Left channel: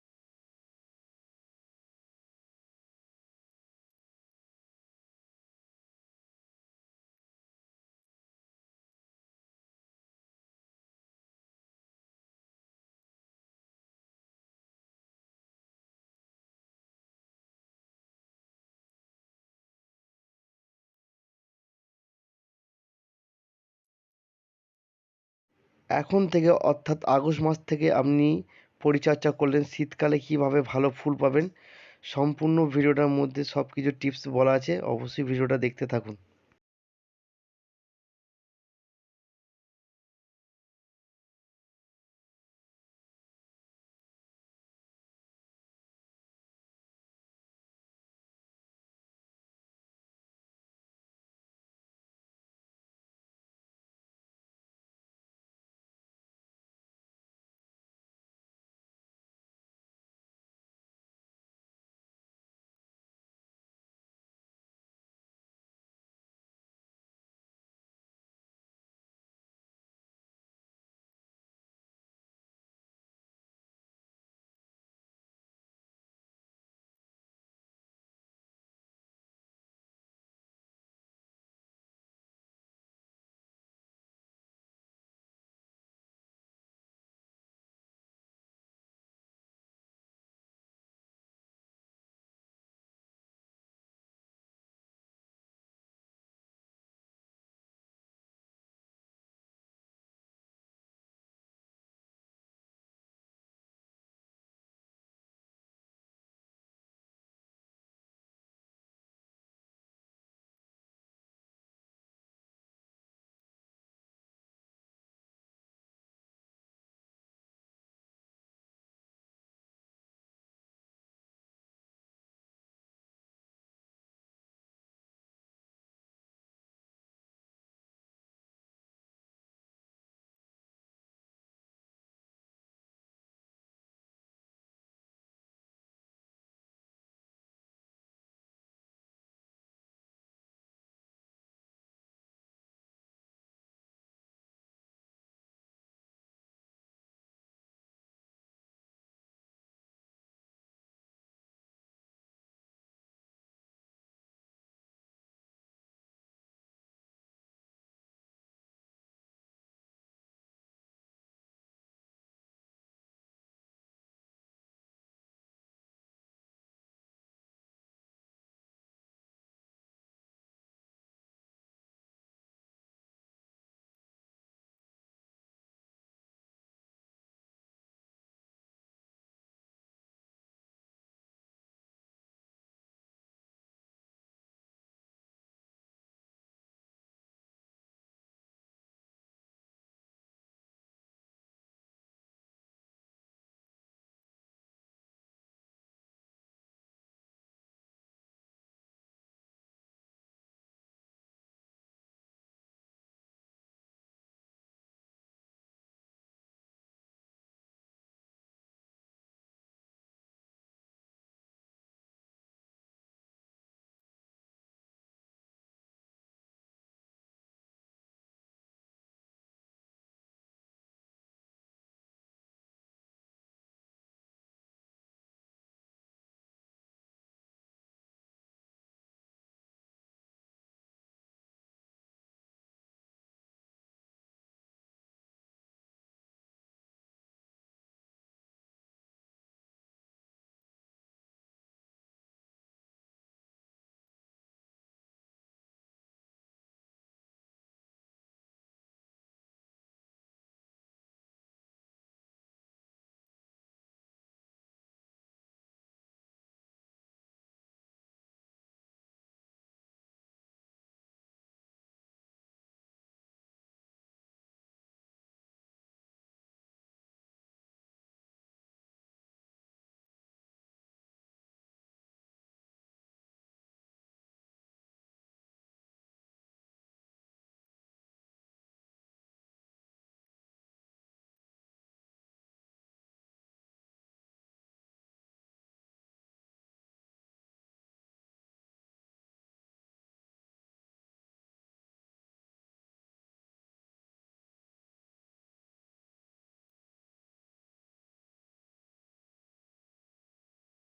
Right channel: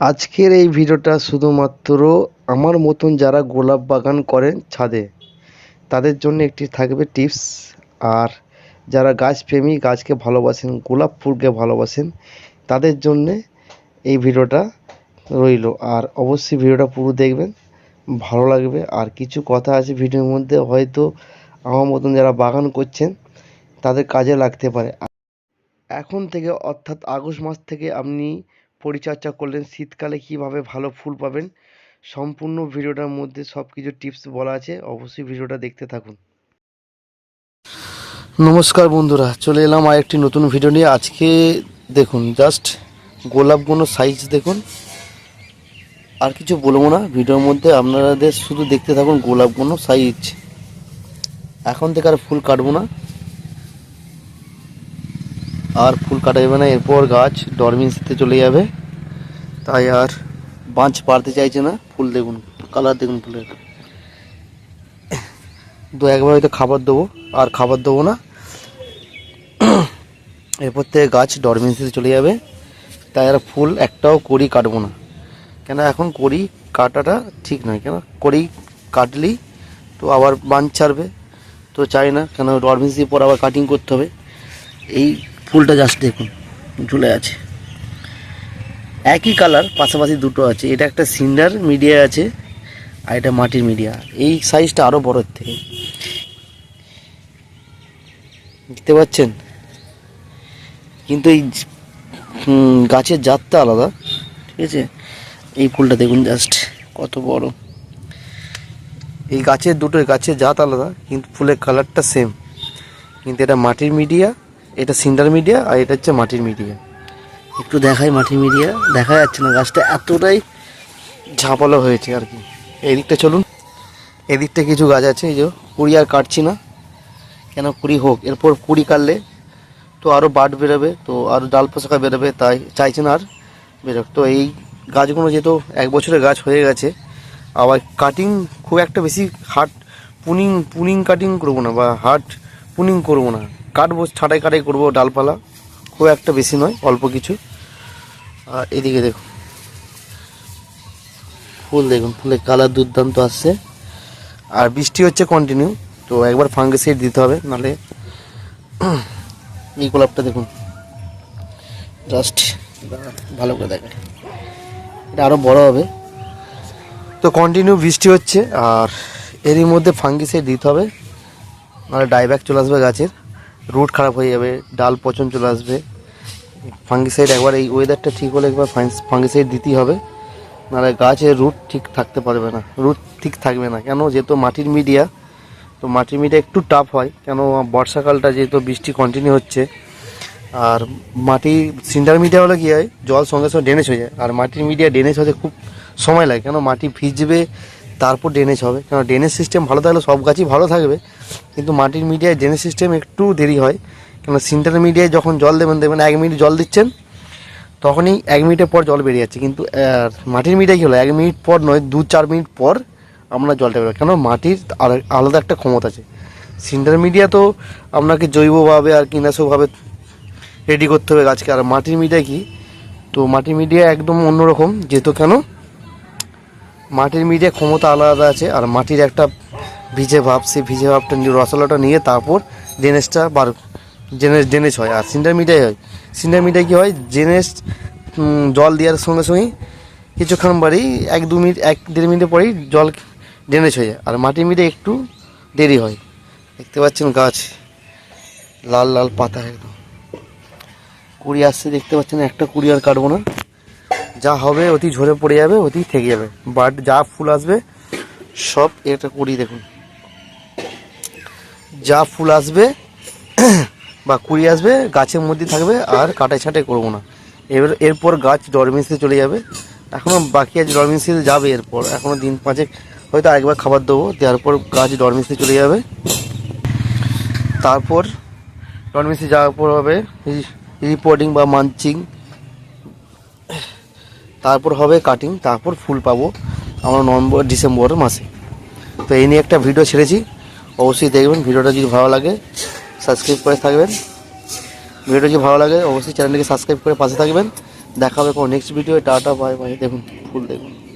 আজকের এই ভিডিওটা শুধুমাত্র আমার মতন যারা গোলাপ বাগান করেন ছাদে তাদের জন্য একটি থাকবে টিপস। আর যারা গাছপ্রেমী, গাছকে ভালোবাসেন, গোলাপ ফুলকে ভালোবাসেন, তাদের জন্যে এই ভিডিওটা রইল। আর অবশ্যই ভিডিওটা পুরো দেখবেন, ভালো লাগবে। আর কিছু কথা আছে ভিডিওর মধ্যে, হয়তো আমার মতন যারা বাগান করছেন তাদের কাজে লাগতে পারে। এখন থেকে অর্থাৎ আগস্ট মাস থেকে আপনি পরিচর্যা করলেন, শীতকালে কিভাবে ভালো ফুল পাবেন, সম্পূর্ণ ভিডিওটার মধ্যে সব কিছু টিপস বলা আছে। অবশ্যই ভিডিওটা দেখতে থাকুন। নমস্কার বন্ধুরা, চলে এলাম আর একটি নতুন ভিডিও নিয়ে। আজকে দেখুন জাস্ট গোলাপগুলো সাইজ দেখুন, আর কিছু বলবো না ভিডিওর মধ্যে, আপনাদের শুধু দেখতে থাকুন গোলাপগুলো সাইজ। এখন থেকে আর ফুল কাটবো না, আর ফুল কাটা যাবে না, এরপর গাছ ডরমেন্সিতে চলে যাবে। তাই আর বাঁচ পারতে চাইছে না। ফুল দেখুন, কালার দেখুন ফুলের। দু একবার হয়তো খাবার দেবো, আর খাবার দেবো না, এরপর থেকে গাছ ডরমেন্সিতে চলে যাবে। তাই আর ফুল একটাও কড়ি কাটবো না, কেন এখন কড়ি কাটাটা ঠিক নয়। কেন কড়ি কাটলেই তো আবার বাঁচ ছাড়বে, তো চাই না। কেন ডরমেন্সি পর আবার কাটিং করতে হবে। এই ফুলটা জাস্ট দেখুন ঝুলে আছে, একই কালার, পাশাপাশি দুটো আছে। এটা একটা সিন্ডার মিডিয়া আছে, আর এটা মাটির মিডিয়া। এই সাইজটা আরও বড়োর থেকে, দেখতে পাচ্ছেন। কিন্তু এই গাছের জাতটা আলাদা, ঠিক আছে। এই ফুলটা দেখুন জাস্ট কত বড়। এই গাছের দুটোই গাছের জাত আলাদা, কিন্তু ফুলের কালারটা সেম। কিন্তু এটা মাটির মিডিয়া, এটা সিন্ডার মিডিয়া, আর এটা হচ্ছে মাটির মিডিয়া। একটু দেখাই, মাটির মিডিয়া দেখা যাচ্ছে না, গাছটা এতটাই ঝাঁপালো হয়েছে আর কি। এদিকটা চলুন, এদিকটা কিছু গাছ আছে, এই যে কুড়ি আর কাটছি না। কেন কুড়ি হোক, এরপর কুড়ি কাটলে তো আরও বাট বেরোবে, তো আরও ডাল পোশাকা বেরোবে, তাই চাইছে না আর বেরোক। তো এই গাছগুলো যেহেতু এক বছরের গাছ হয়ে গেছে, আবার কাটিং খুব একটা বেশি হার্ড পুনিং কাটিং করবো না, বা হার্ড পুনিং করবো না, কাটবো ছাঁটাই কাটাই করবো ডালপালা, খুব একটা বেশি নয়, অল্প কিছু। আর এদিকে দেখুন ফুল দেখুন, ফুলের কালার দুর্দান্ত আসছে। আর বৃষ্টি হচ্ছে কন্টিনিউ, তো একবার ফাঙ্গিসাইড দিতে হবে, নাহলে। এই গোলাপটা দেখুন জাস্ট, ভালো করে দেখেন, এটা আরও বড় হবে। তো কন্টিনিউ বৃষ্টি হচ্ছে, আর এরই মধ্যে ফাঙ্গিসাইড দিতে হবে, নাহলে ডাইব্যাক চলে আসবে গাছের, রুট খারাপ হয়ে যাবে, ডাল পচন চলে আসবে। ফাঙ্গিসাইড একবার এই ওয়েদারটা ঠিক হলে একবার ফাঙ্গিসাইড দিতেই হবে, নাহলে গাছের রুট ঠিক থাকতে পারবে না, রুট ঠিক থাকবে না। কেন, যেহেতু মাটির মিডিয়া, তো মাটির মিডিয়া একটু টাফ হয়। কেন, বর্ষাকালটা যেহেতু বৃষ্টি কন্টিনিউ হচ্ছে, আর মাটি সিন্ডার মিডিয়া হলে কী হয়, জল সঙ্গে সঙ্গে ড্রেনেজ হয়ে যায়। আর মাটির মিডিয়া ড্রেনেজ হতে খুব সময় লাগে, কেন মাটি ভিজবে তারপর ড্রেনেজ হবে। কেন ড্রেনেজ সিস্টেম ভালো থাকলে সব গাছই ভালো থাকবে, কিন্তু মাটির মিডিয়ায় ড্রেনেজ সিস্টেম একটু দেরি হয়। কেন সিন্টার মিডিয়ায় যখন জল দেবেন, দেখবেন 1 মিনিট জল দিচ্ছেন, তখনই 1 মিনিটের পর জল বেরিয়ে যাচ্ছে। কিন্তু মাটির মিডিয়ায় কী হলো, 1 মিনিট পর নয়, 2-4 মিনিট পর আমরা জলটা বেরোয়। কেন মাটির আলাদা একটা ক্ষমতা আছে। সিন্টার মিডিয়া তো আপনাকে জৈবভাবে আর কীটনাশকভাবে রেডি করতে হবে গাছকে। আর মাটির মিডিয়া কি, তো মাটির মিডিয়া একদম অন্যরকম, যেহেতু কেন মাটির মিডিয়া ক্ষমতা আলাদা আছে। আর মাটির একটা ভিজে ভাব, সেই ভিজে ভাবটা রসালোটা নিয়ে তারপর ড্রেনেজটা ড্রেনেজ হয়। আর সিন্টার মিডিয়ায় হয়, সিন্টার মিডিয়ায় কী হয়, ড্রেনেজ জল দেওয়ার সঙ্গে সঙ্গেই কিছুক্ষণ বাড়ি 1-2 মিনিট 1-1.5 মিনিটের পরেই জল ড্রেনেজ হয়ে যায়। আর মাটির মিডিয়া একটু দেরি হয়। দেখতে পাচ্ছেন গাছ লাল লাল পাতা, একদম কুড়ি আসছে, দেখতে পাচ্ছেন। একটা কুড়ি আর কাটবো না, যা হবে অতি ঝরে পড়ে যাবে, অতি থেকে যাবে। বাট যা ফুল আসবে সব, একটা কুড়ি দেখুন, যা ফুল আসবে বা কুড়ি আসবে গাছের মধ্যে থাকবে, আর কাটাই ছাঁটাই করবো না। এরপর গাছ ডরমেন্সিতে চলে যাবে। এখনও বাকি আছে, ডরমেন্সিতে যাবে এরপর, এখনও দিন 5 হয়তো আরেকবার খাবার দেবো, দেওয়ার পর গাছ ডরমেন্সিতে চলে যাবে। তারপর ডরমেন্সি যাওয়ার পর হবে রিপোর্টিং বা মানচিং, তারপর হবে কাটিং, তারপর ফুল পাবো আমরা নভেম্বর-ডিসেম্বর মাসে। তো এই নিয়ে একটা ভিডিও ছেড়েছি, অবশ্যই দেখবেন। ভিডিওটা যদি ভালো লাগে সাবস্ক্রাইব করে থাকবেন, ভিডিওটা যদি ভালো লাগে অবশ্যই চ্যানেলটিকে সাবস্ক্রাইব করে পাশে থাকবেন। দেখা হবে কোনো next video. Tata bye bye. দেখুন ফুল দেখুন।